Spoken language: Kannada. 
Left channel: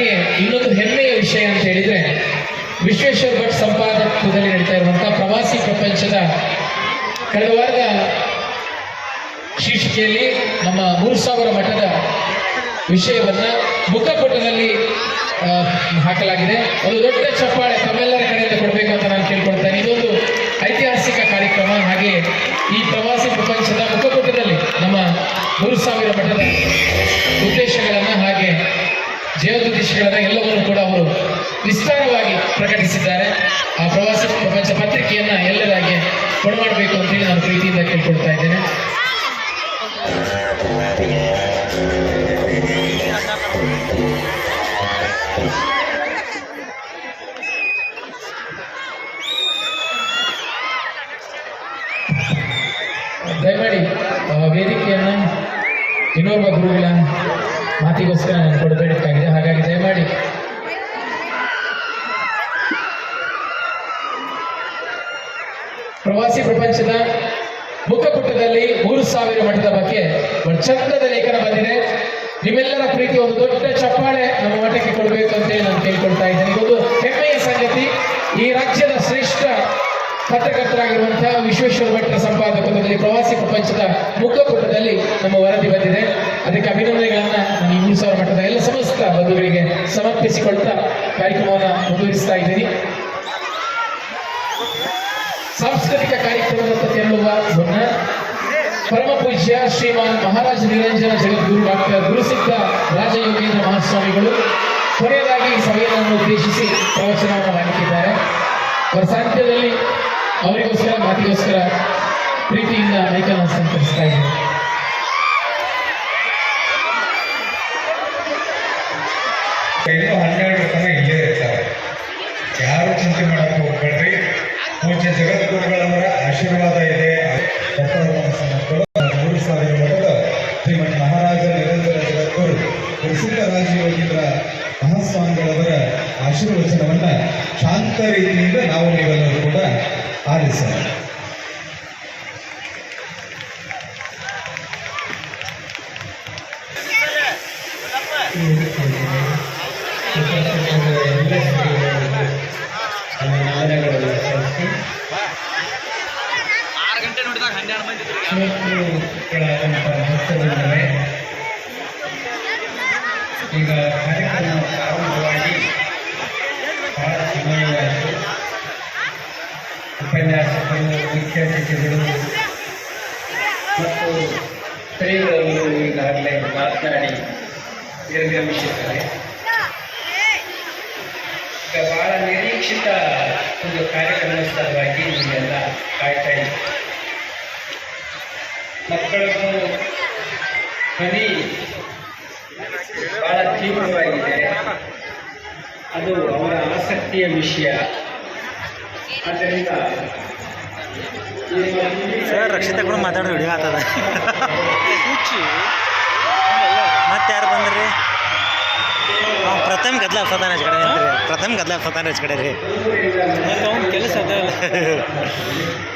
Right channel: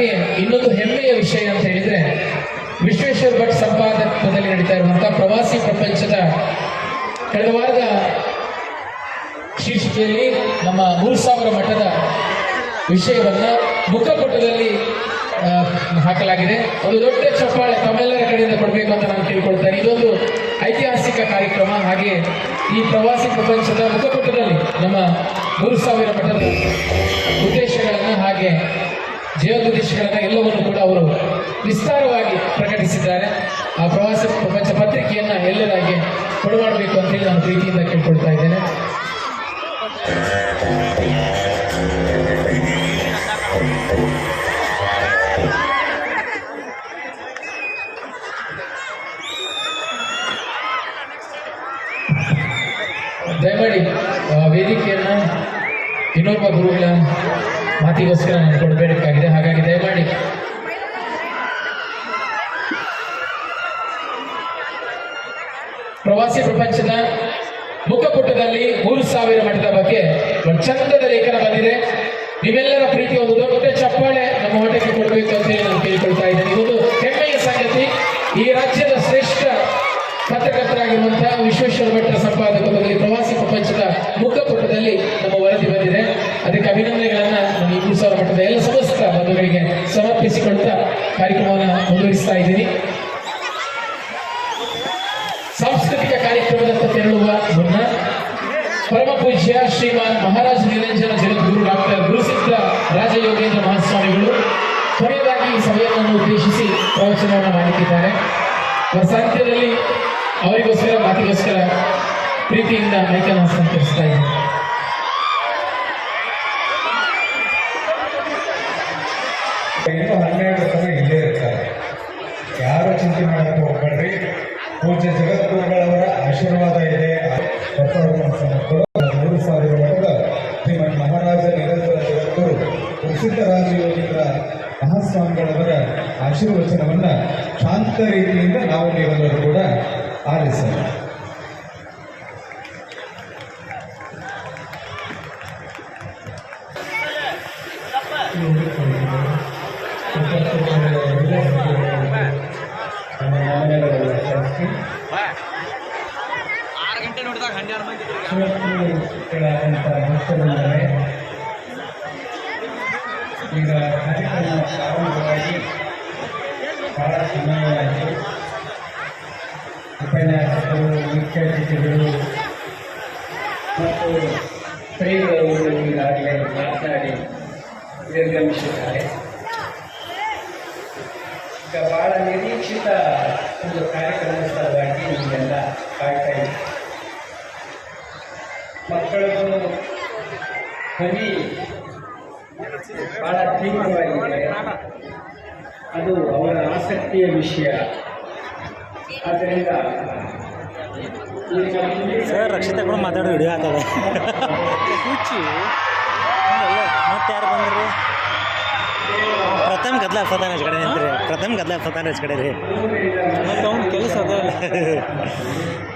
ಹಾಗೆಯೇ ಇನ್ನೊಂದು ಹೆಮ್ಮೆಯ ವಿಷಯ ಅಂತ ಹೇಳಿದ್ರೆ, ವಿಶ್ವೇಶ್ವರ ಭಟ್ ಸಂಪಾದಕದಲ್ಲಿ ನಡೀತಾ ಇರುವಂತಹ ಪ್ರವಾಸಿ ಪ್ರಪಂಚದ ಕಳೆದ ವಾರದ ಶೀರ್ಷಿಕೆಯಲ್ಲಿ ನಮ್ಮ ಮೂರು ಸಾವಿರ ಮಠದ ವಿಷಯವನ್ನ ಮುಖಪುಟದಲ್ಲಿ ಹಾಕಲಾಗಿದೆ. ಒಂದು ದೊಡ್ಡ ಚಪ್ಪಾಳೆ ತಮ್ಮೆಲ್ಲರ ಕಡೆಯಿಂದ ಕೊಡಬೇಕು ಅಂತ ನಾನು ಕೇಳ್ಕೊಳ್ತೇನೆ. ಇದೊಂದು ಐತಿಹಾಸಿಕ ಕಾರ್ಯಕ್ರಮ. ಹಾಗೆ ಈ ಪ್ರವಾಸಿ ಪ್ರಪಂಚದ ಮುಖಪುಟದಲ್ಲಿ ನಮ್ಮ ಮೂರು ಸಾವಿರ ಮಠದ ಜೀವೋದ್ದೇಶಗಳನ್ನು ಎಲ್ಲವನ್ನು ಕೂಡ ಅವರು ವಿಸ್ತಾರವಾಗಿ ಪ್ರಕಟಿಸಿದ್ದಾರೆ. ಆ ಪ್ರವಾಸ, ಪ್ರಪಂಚ ಪತ್ರಿಕೆಯನ್ನ ಎಲ್ಲರಾಗಿ ಕೊಡಮಾಡಬೇಕು ಅಂತ ಹೇಳಿ ನಾನು ಪ್ರೀತಿಯಿಂದ ಕೇಳ್ಕೊಳ್ತಾ ಇದ್ದೇನೆ. ದಯಮಾಡಿ ವೇದಿಕೆಯನ್ನ ಇನ್ನೊಬ್ಬ ಗುರುಗಳ ಮಾತಿಗೋಸ್ಕರ ನಾನು ಕೊಡಬೇಕಾಗಿದೆ ಹಾಗಾಗಿ ದಯಮಾಡಿ ಪ್ರವಾಸಿ ಪ್ರಪಂಚದ ಮುಖಪುಟದಲ್ಲಿ ಮೂರು ಸಾವಿರ ಮಠದ ಬಗ್ಗೆ ಒಂದು ಚಂದದ ಲೇಖನ ಬಂದಿದೆ. ನಿಮ್ಮೆಲ್ಲರ ಪ್ರೀತಿ ಒಂದು ದೊಡ್ಡ ಚಪ್ಪಾಳೆ ನಮ್ಮ ಮಠಕ್ಕೆ ಕೊಡಬೇಕು ಅಂತ ಹೇಳಿ ನಾನು ಕೇಳ್ಕೊಳ್ತಾ ಇದ್ದೇನೆ. ಒಂದು ಹೆಮ್ಮೆಯ ಸಂಗತಿ. ಈ ರಾಜ್ಯದ ಶ್ರೇಷ್ಠ ಪತ್ರಕರ್ತರಾಗಿರುವಂತಹ ವಿಶ್ವೇಶ್ವರ ಭಟ್ರ ಸಂಪಾದಕರಲ್ಲಿ ಪ್ರವಾಸಿ ಪ್ರಪಂಚದ ಮುಖಪುಟದಲ್ಲಿ ನಮ್ಮ ವರದಿ ಬಂದಿದೆ. ಅದಕ್ಕೆ ಅಭಿನಂದನೆಗಳನ್ನ ನಾನು ಮೂರು ಸಾವಿರ ಮಠದ ಎಲ್ಲ ಸಮಸ್ತ ಬಂಧುಗಳಿಗೆ ಸಮರ್ಪಿಸಿಕೊಳ್ತಾ ಕಾರ್ಯಕ್ರಮವನ್ನು ಮುಂದುವರಿಸ್ತಾ ಇದ್ದೀನಿ. ಪೂಜ್ಯ ಶ್ರೀಮಾನ್ ಮಹಾರಾಜ ನಿರಂಜನ ಜಗದ್ಗುರು ಡಾಕ್ಟರ್ ಗುರುಸಿದ್ಧ ರಾಜಯೋಗೇಂದ್ರ ಮಹಾಸ್ವಾಮಿಗಳು, ಕೊನೆಯದಾಗಿ ಸಭೆಯನ್ನು ಉದ್ದೇಶಿಸಿ ಪ್ರವಚನವನ್ನು ಮಾಡುತ್ತಿದ್ದಾರೆ ಅವರ ಸಾಹಿತ್ಯದಲ್ಲಿ ಅವರಿಗೋಸ್ಕರ, ಮಾತಿಗೋಸ್ಕರ ಪ್ರೀತಿಯಿಂದ ಮೈಕನ್ನು ಹಸ್ತಾಂತರಿಸ್ತಾ ಇದ್ದಾರೆ ಹನ್ನೆರಡು ತನ ಇಲ್ಲೇ ಇರ್ತಾರೆ. ಯಾರು ಚಿಂತೆ ಮಾಡಕ್ಕೆ ಹೋಗ್ಬೇಡ್ರಿ. ಪೂಜ್ಯ ಜಗದ್ಗುರುಗಳವರ ಆಶೀರ್ವಾದ ಇದೆ. ಆಶೀರ್ವಚನವನ್ನ ಶಾಂತ ರೀತಿಯಿಂದ ನಾವು ನೀವೆಲ್ಲರೂ ಕೂಡ ಆಲಿಸೋಣ ಭಕ್ತರಿದ್ದಾರೆ ಈಗ ಕಾರ್ಯಕ್ರಮ ಅತಿಥಿಗಳು ಮತ್ತು ಸ್ತ್ರೀಗಳು ಈಗಾಗಲೇ ಮಾತನಾಡಿ ನಿರ್ಗಮಿಸಿದ್ದಾರೆ ಈಗ ಬಹಳ ನಿರೀಕ್ಷಿತ ಒಂದು ಕಾರ್ಯಕ್ರಮ ಸಲುವಾಗಿ ನಿಮಗೆಲ್ಲ ಕಾಯ್ತಾ ಇದೆ ಮಕ್ಕಳದ್ದು ಧ್ವನಿ ಬಹಳ ತೀವ್ರವಾಗಿದೆ ಅದು ಅವರ ಆಸಕ್ತಿಯ ವಿಷಯ. ಆದ್ದರಿಂದ ಸರ್ ರಕ್ಷಿತ ಕೂಡ ಮಾತಾಡೋ ವಿಡಿಯೋ ಆತದ ಮತ್ತೆ ಯಾರು ಬಂದ್ರಿ? ಹಾಂ ಪ್ರಥಮ್ ಗದ್ಲ ಹಚ್ಚತಾನ ಹಚ್ ಕಡೆ ನಿಂತ್ರಿ. ಪ್ರಥಮ್ ಗದ್ಲ ಹಚ್ಚತಾನ ಹಚ್ ಕಡೆ ರೀ ಕೆಲಸ ಅದ.